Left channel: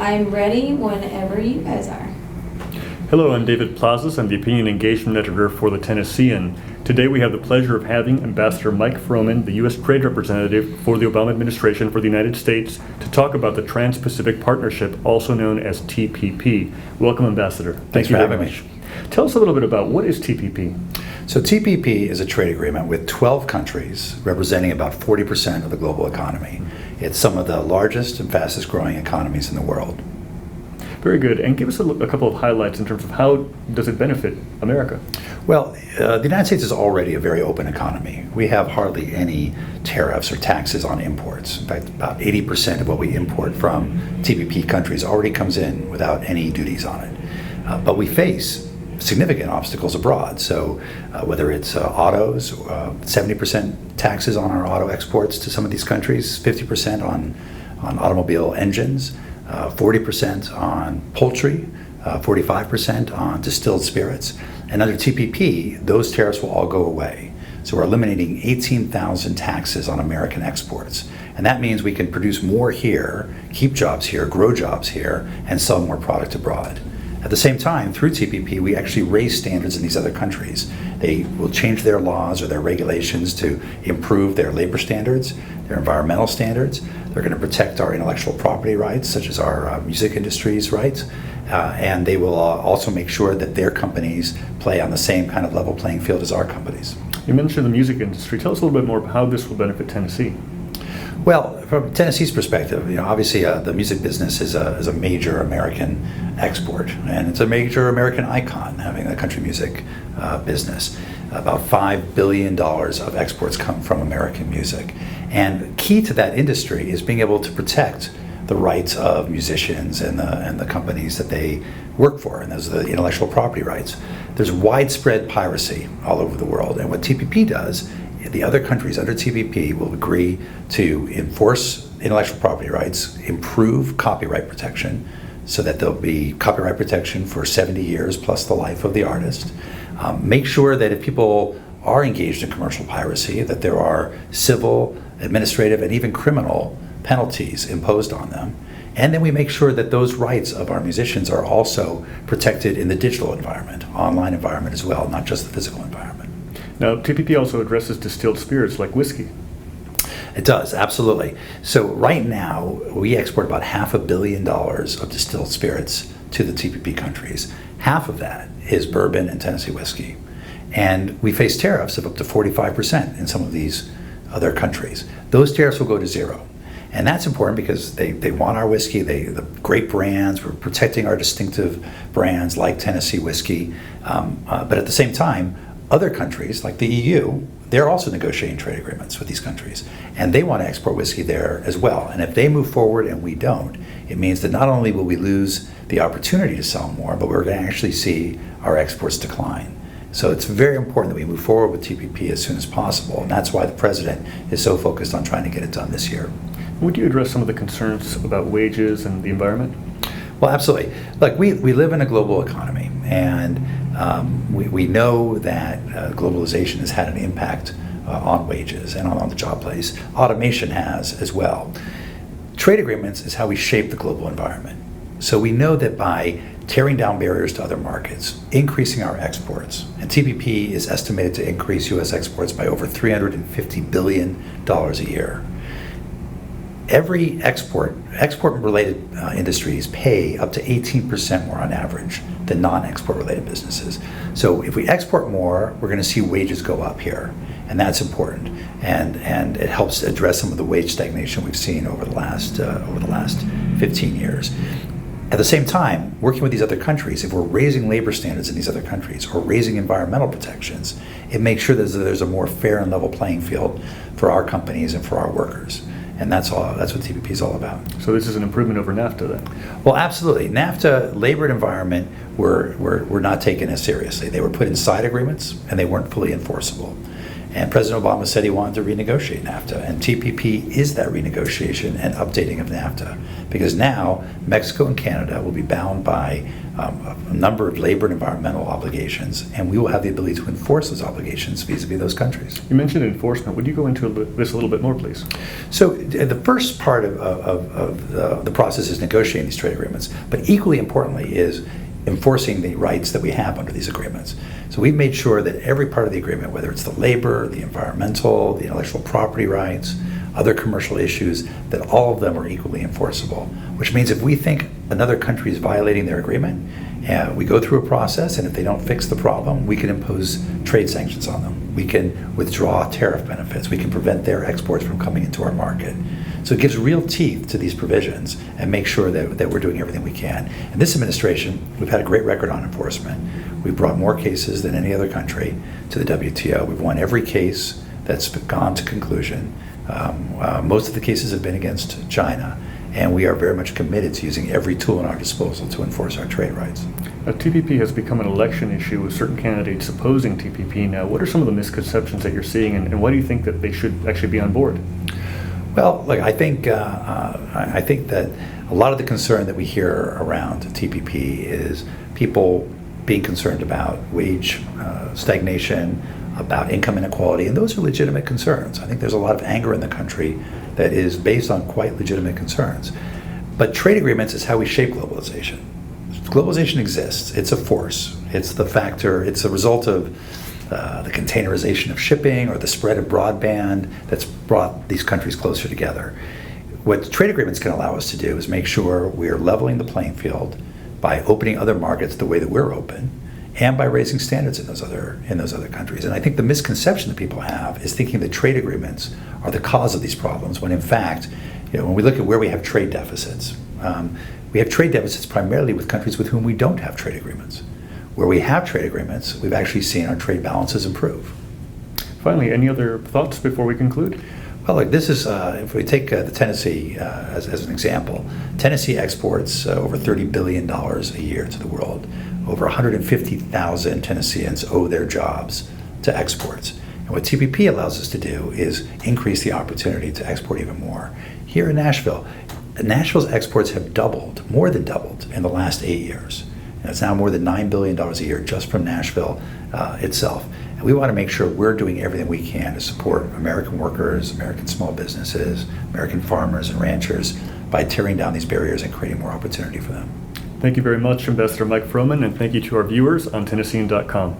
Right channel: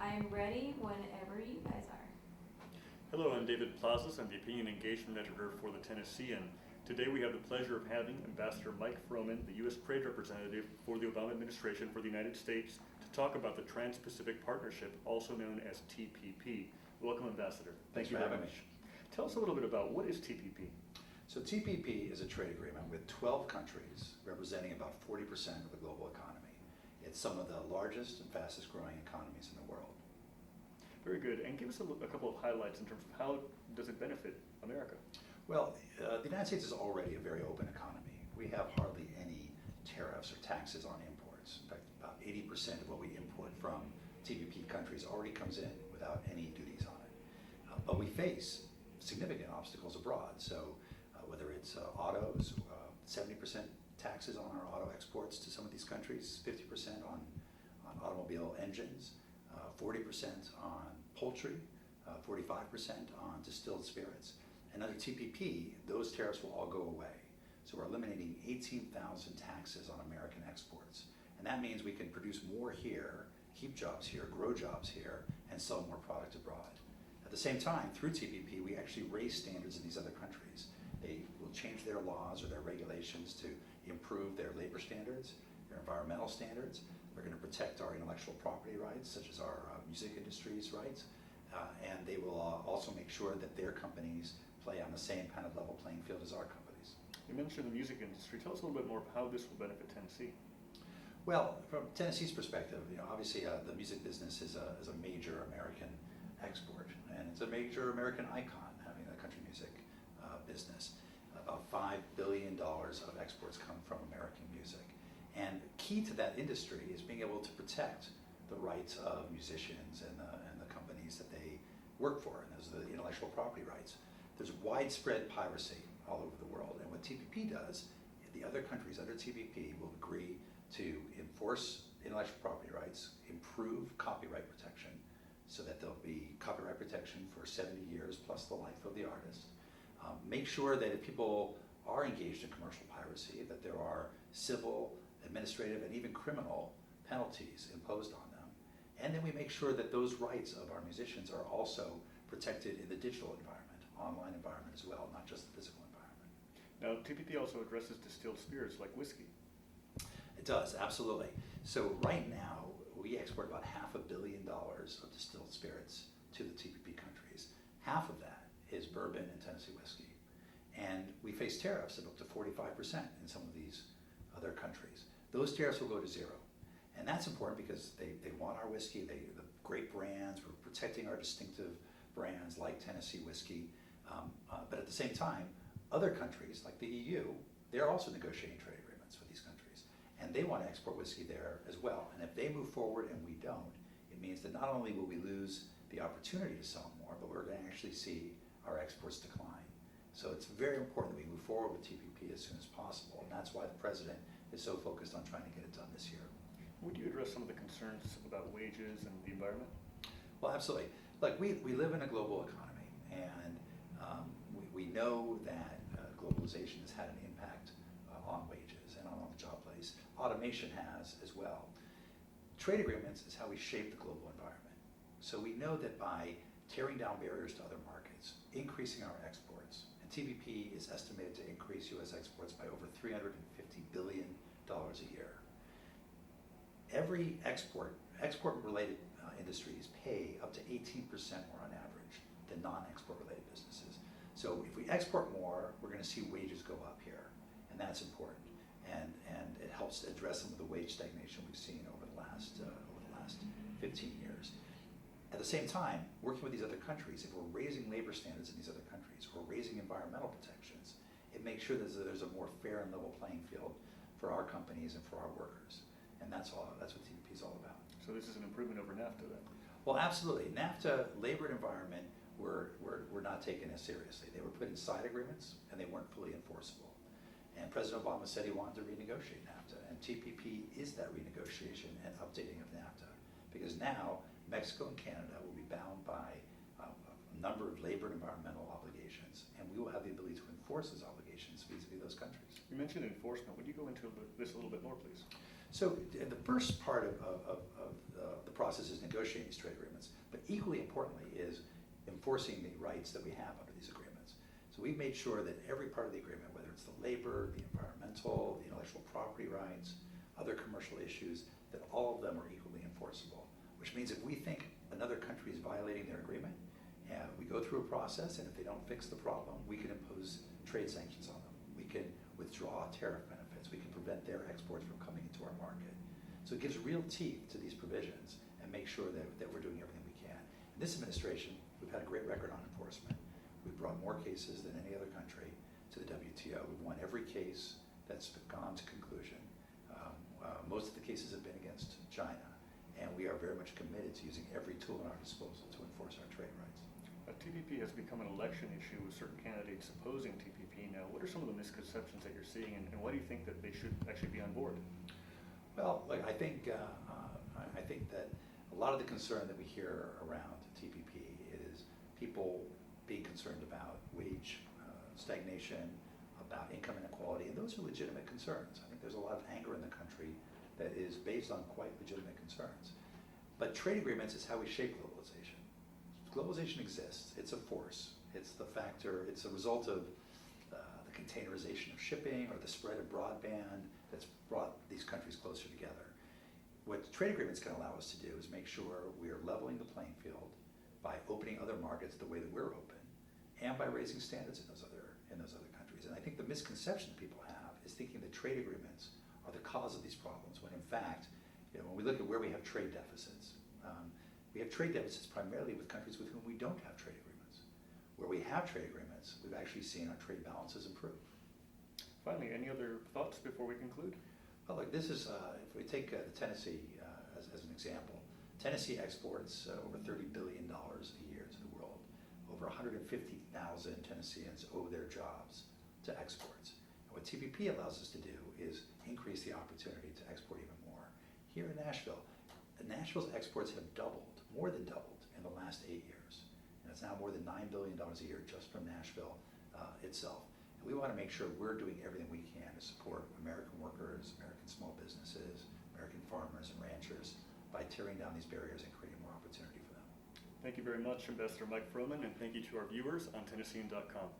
I'm ready whenever you guys are. Hello, I'm David Plazas. I'm the Opinion Engagement Editor for the Tennessean. Today we have the pleasure of having Ambassador Mike Froman, the U.S. Trade Representative for the Obama administration for the United States, to talk about the Trans-Pacific Partnership, also known as TPP. Welcome, Ambassador. Thanks for having me. Tell us a little bit about what is TPP? So TPP is a trade agreement with 12 countries representing about 40% of the global economy. It's some of the largest and fastest growing economies in the world. Very good. And give us a couple of highlights in terms of how does it benefit America? Well, the United States is already a very open economy. We have hardly any tariffs or taxes on imports. In fact, about 80% of what we import from TPP countries already comes in without any duties on it. But we face significant obstacles abroad. So whether it's autos, 70% taxes on our auto exports to some of these countries, 50% on automobile engines, 40% on poultry, 45% on distilled spirits. And under TPP, those tariffs will all go away. So we're eliminating 18,000 taxes on American exports. And that means we can produce more here, keep jobs here, grow jobs here, and sell more product abroad. At the same time, through TPP, we actually raise standards in these other countries. They will change their laws or their regulations to improve their labor standards, their environmental standards. They're going to protect our intellectual property rights, such as our music industry's rights. And they will also make sure that their companies play on the same kind of level playing field as our companies. You mentioned the music industry. Tell us a little bit more about how this will benefit Tennessee. Well, from Tennessee's perspective, obviously the music business is a major American export, and it's a major American icon, having a country music business. About $5 billion of exports come from American music. And key to that industry is being able to protect the rights of musicians and the companies that they work for, and those are the intellectual property rights. There's widespread piracy all over the world, and what TPP does, the other countries under TPP will agree to enforce intellectual property rights, improve copyright protection, so that there'll be copyright protection for 70 years plus the life of the artist. Make sure that if people are engaged in commercial piracy, that there are civil, administrative, and even criminal penalties imposed on them. And then we make sure that those rights of our musicians are also protected in the digital environment, online environment as well, not just the physical environment. Now, TPP also addresses distilled spirits like whiskey. It does, absolutely. So right now, we export about $500 million of distilled spirits to the TPP countries. Half of that is bourbon and Tennessee whiskey. And we face tariffs of up to 45% in some of these other countries. Those tariffs will go to zero. And that's important because they want our whiskey, the great brands, we're protecting our distinctive brands like Tennessee whiskey. But at the same time, other countries like the EU, they're also negotiating trade agreements with these countries. And they want to export whiskey there as well. And if they move forward and we don't, it means that not only will we lose the opportunity to sell more, but we're going to actually see our exports decline. So it's very important that we move forward with TPP as soon as possible. And that's why the president is so focused on trying to get it done this year. Would you address some of the concerns about wages and the environment? Well, absolutely. Look, we live in a global economy, and we know that globalization has had an impact on wages and on the job place. Automation has as well. Trade agreements is how we shape the global environment. So we know that by tearing down barriers to other markets, increasing our exports, and TPP is estimated to increase U.S. exports by over $350 billion a year. Every export-related industries pay up to 18% more on average than non-export related businesses. So if we export more, we're going to see wages go up here, and that's important. And it helps address some of the wage stagnation we've seen over the last 15 years. At the same time, working with these other countries, if we're raising labor standards in these other countries or raising environmental protections, it makes sure that there's a more fair and level playing field for our companies and for our workers. And that's what TPP is all about. So this is an improvement over NAFTA then? Well, absolutely. NAFTA, labor and environment were not taken as seriously. They were put in side agreements and they weren't fully enforceable. And President Obama said he wanted to renegotiate NAFTA, and TPP is that renegotiation and updating of NAFTA, because now Mexico and Canada will be bound by a number of labor and environmental obligations, and we will have the ability to enforce those obligations vis-a-vis those countries. You mentioned enforcement. Would you go into this a little bit more, please? So the first part of the process is negotiating these trade agreements, but equally importantly is enforcing the rights that we have under these agreements. So we've made sure that every part of the agreement, whether it's the labor, the environmental, the intellectual property rights, other commercial issues, that all of them are equally enforceable, which means if we think another country is violating their agreement, we go through a process, and if they don't fix the problem, we can impose trade sanctions on them. We can withdraw tariff benefits. We can prevent their exports from coming into our market. So it gives real teeth to these provisions and make sure that we're doing everything we can. In this administration, we've had a great record on enforcement. We've brought more cases than any other country to the WTO. We've won every case that's gone to conclusion. Most of the cases have been against China, and we are very much committed to using every tool at our disposal to enforce our trade rights. TPP has become an election issue with certain candidates opposing TPP now. What are some of the misconceptions that you're seeing, and why do you think that they should actually be on board? Well, look, I think that a lot of the concern that we hear around TPP is people being concerned about wage stagnation, about income inequality, and those are legitimate concerns. I think there's a lot of anger in the country that is based on quite legitimate concerns. But trade agreements is how we shape globalization. Globalization exists. It's a force. It's the factor. It's a result of the containerization of shipping or the spread of broadband that's brought these countries closer together. What trade agreements can allow us to do is make sure we're leveling the playing field by opening other markets the way that we're open, and by raising standards in those other countries. And I think the misconception that people have is thinking that trade agreements are the cause of these problems, when in fact, when we look at where we have trade deficits, we have trade deficits primarily with countries with whom we don't have trade agreements. Where we have trade agreements, we've actually seen our trade balances improve. Finally, any other thoughts before we conclude? Well, look, this is, if we take the Tennessee as an example, Tennessee exports over $30 billion a year to the world. Over 150,000 Tennesseans owe their jobs to exports. And what TPP allows us to do is increase the opportunity to export even more. Here in Nashville, Nashville's exports have doubled, more than doubled, in the last 8 years. And it's now more than $9 billion a year just from Nashville itself. And we want to make sure we're doing everything we can to support American workers, American small businesses, American farmers and ranchers by tearing down these barriers and creating more opportunity for them. Thank you very much, Ambassador Mike Froman, and thank you to our viewers on Tennessean.com.